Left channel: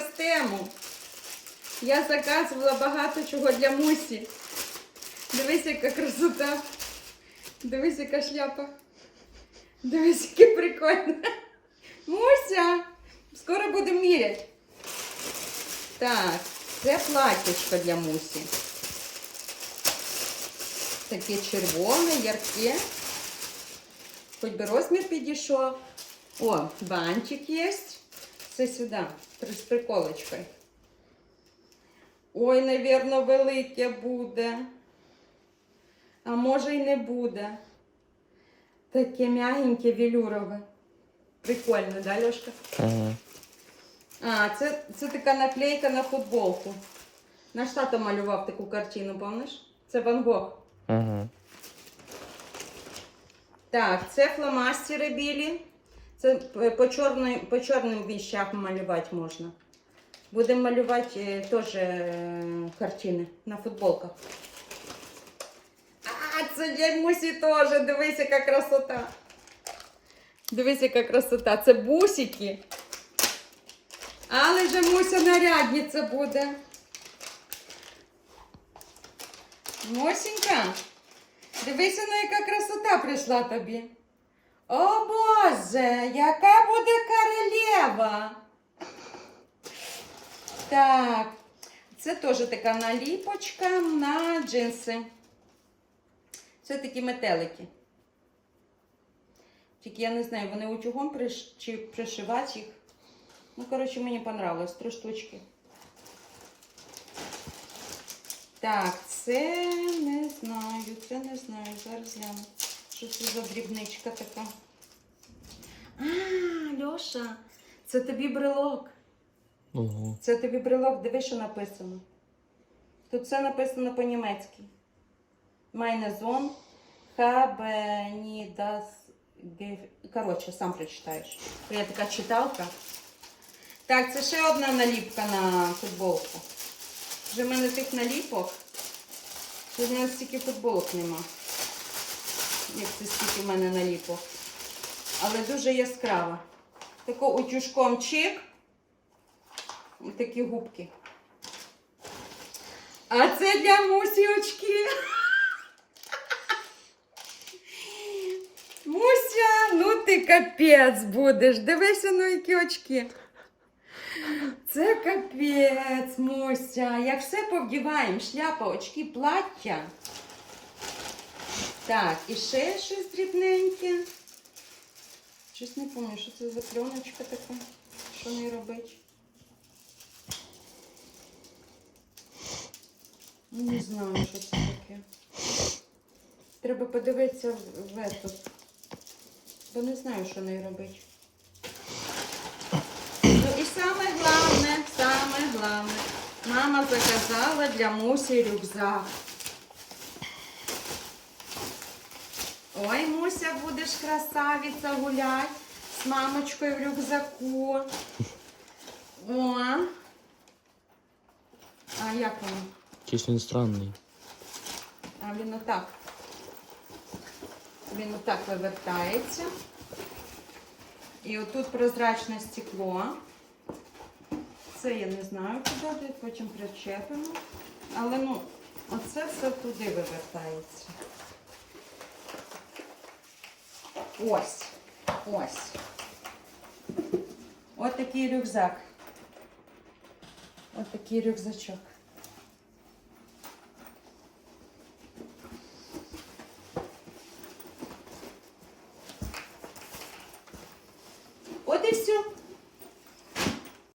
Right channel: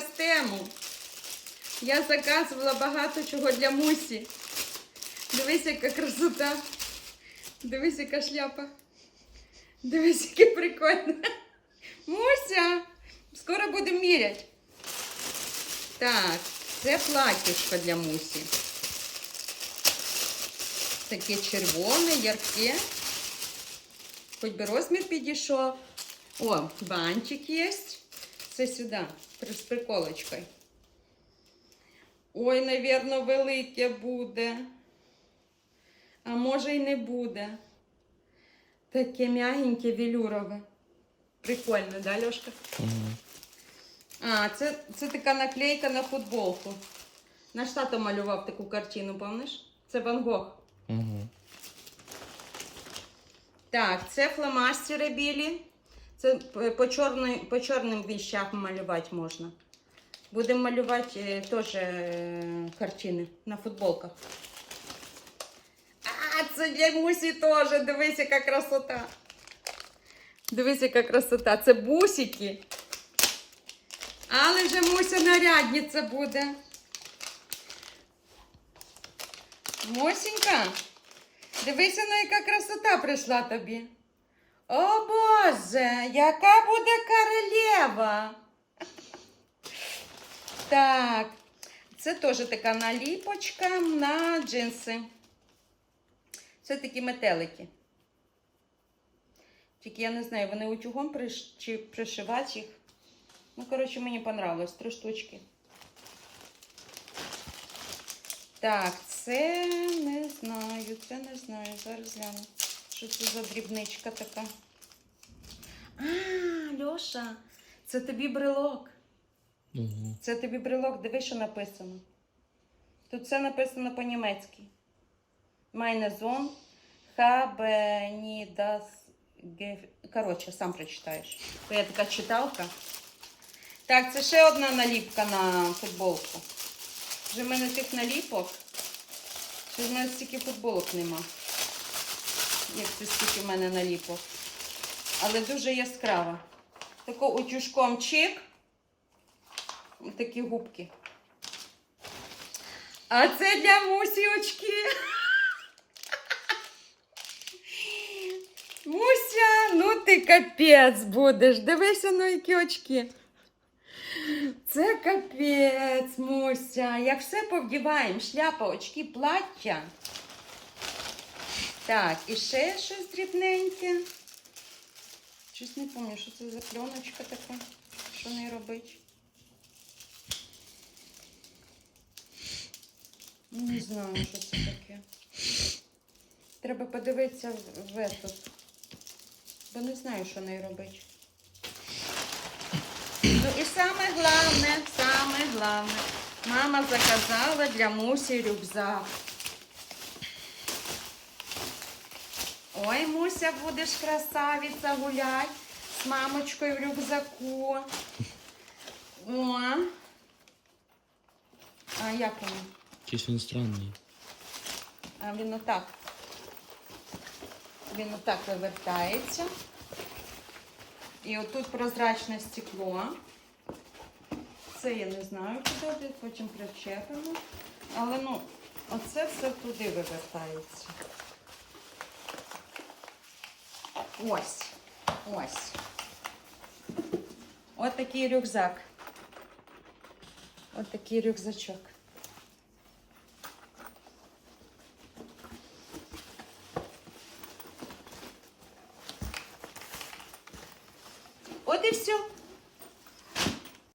тему. Я заказувала багато чого для Мусі. Дивись, яка красота. Дивись, яка шляпа. Дивись, яке прикольне. Муся! Скоро будемо міряти. Так, це платічко для Мусі. Таке червоне, ярке. Хоч би розмір підійшов. О, бантик є. Це сюди, з приколочкою. Ой, навірно, велике буде. А може й не буде. Таке м'ягеньке велюрове. Прикольно, да, Льошка? Ага. А, це, це така наклейка на футболку. Наш тато малював таку картину, пам'ятаєш? Це Ван Гог. Ага. Так, це фломастери білі. Це по, чорний, по чорним віщах малювати можна. Будемо малювати е, теж е, картини на футболках. А, це для Мусі теж. Дивись, яка красота. Дивись, яка красота. Це бусики. Але вже Муся нарядниця буде. Мосінька. Дивися, на яка красота прийшла тобі. О Боже, яка буде королева. Так, це теж така наліпочка на джинси. Це такі метелики. Тільки я не знаю, вони утюгом приш... чи пришивати їх. Ну, коротше, мені понравилось. Три штучки. Так, це не знаю, це не знаю. Зараз гляну. Що це за дрібничка така? А, Льоша, це тобі брелок. Ого. Це тобі брелок, диви, що написано. Тут все написано по-німецьки. Nie das ge... Коротше, сам прочитаєш. То я така читалка. Так, це ще одна наліпка на футболку. Вже в мене тих наліпок, що в мене стільки футболок нема. Як це стільки в мене наліпок. Але дуже яскрава. Тако утюжком чик. Ось такі губки. А це для Мусі очки. Муся, ну ти капець будеш. Дивися на які очки. Це капець, Муся. Як все повдіваємо, шляпа, очки, плаття. Так, і ще щось дрібненьке. Щось не пам'ятаю, що це за пленочка така. Що не робить? Не знаю, що це таке. Треба подивитися в, этот. Бо не знаю, що нею робити. Ну і саме головне, саме головне. Мама заказала для Мусі рюкзак. Ой, Муся, будеш красавиця гулять з мамочкою в рюкзаку. О. А як воно? Якийсь він странний. А він отак. Він отак вивертається. І отут прозрачне стекло. Це я не знаю, куди потім причепимо. Але ну, оце все туди вивертається. Ось. Ось. Ось такий рюкзак. Ось такий рюкзачок. От і все.